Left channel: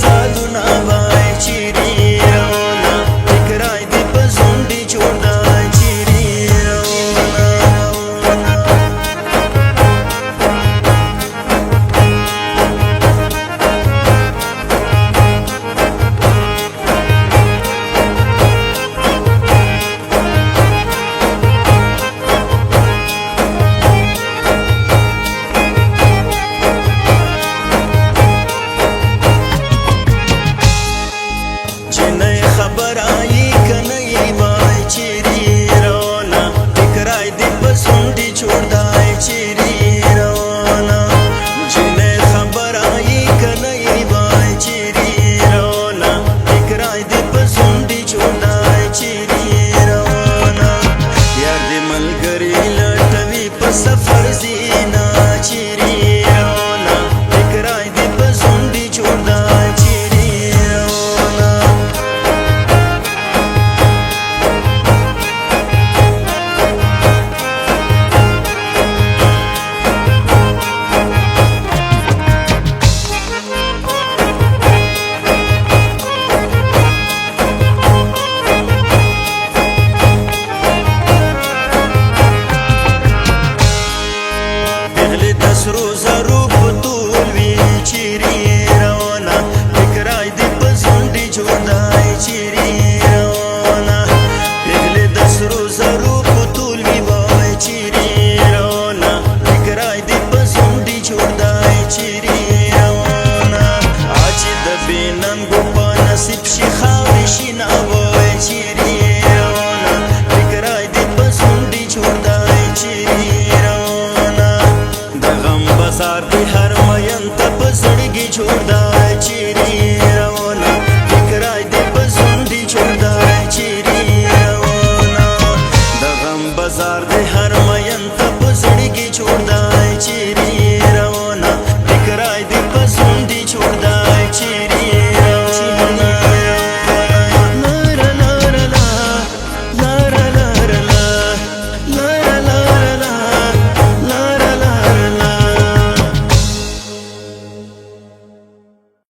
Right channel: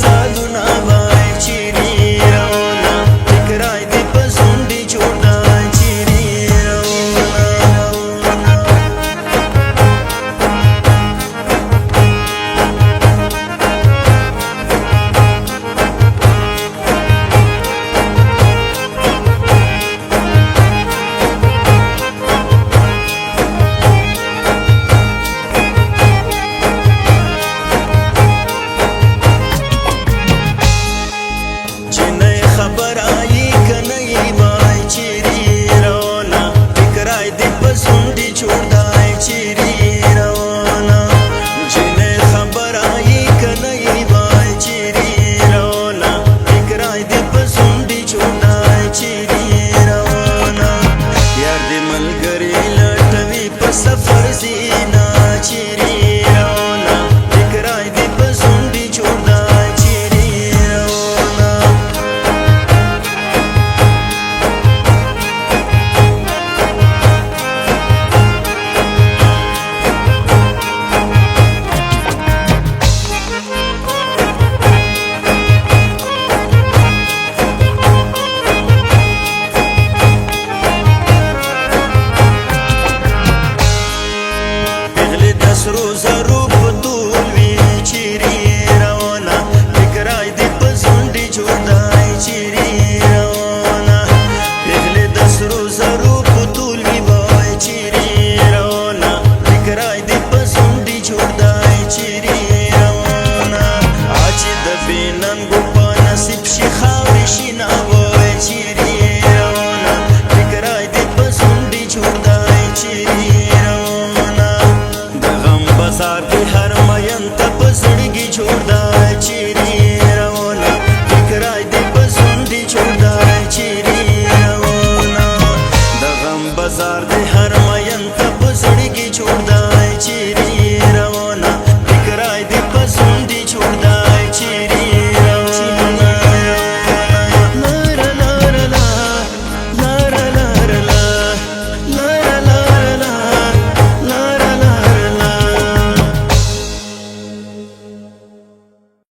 سالونه وای چیرې روانه فکرای دې په زونډې جوړ دی چیرې روانه خبر آئی کنئی بای چیری رونا فکرائی دی پسندی چھوڑ دائی چیری رونا جنہیں خبر آئی کنئی بای چیری رونا فکرائی دی پسندی چھوڑ دائی چیری رونا یار دی ملگری لٹوی پا سفر زینا چیری رونا فکرائی دی پسندی چھوڑ دائی چیری رونا روزا